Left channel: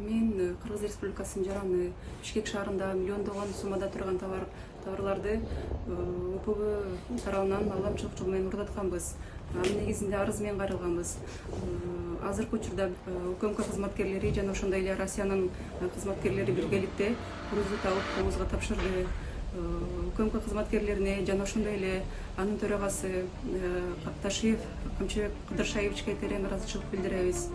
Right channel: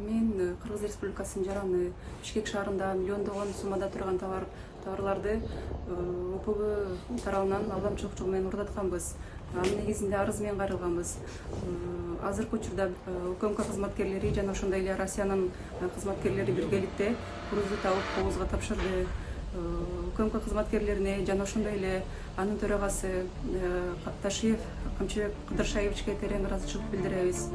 Мен Кыргыз Республикасынын жараны Бишкек шаарында миллиондогон суммада турган товарларды УПБ тарабынан алдамчылык жол менен уурдатканбыз. Анын негизинде арыз менен кайрылганбыз. Азыркы учурда УКМК кызматкерлери жана ошондой эле Россиянын кызматкерлери биргеликте грузду табып кобузга тапшырды. УКМК кызматкерлерине жана ошондой эле анын төрагасы Капташиев Камчыбек Кыдыршаевичке терең ыраазычылык билдиребиз.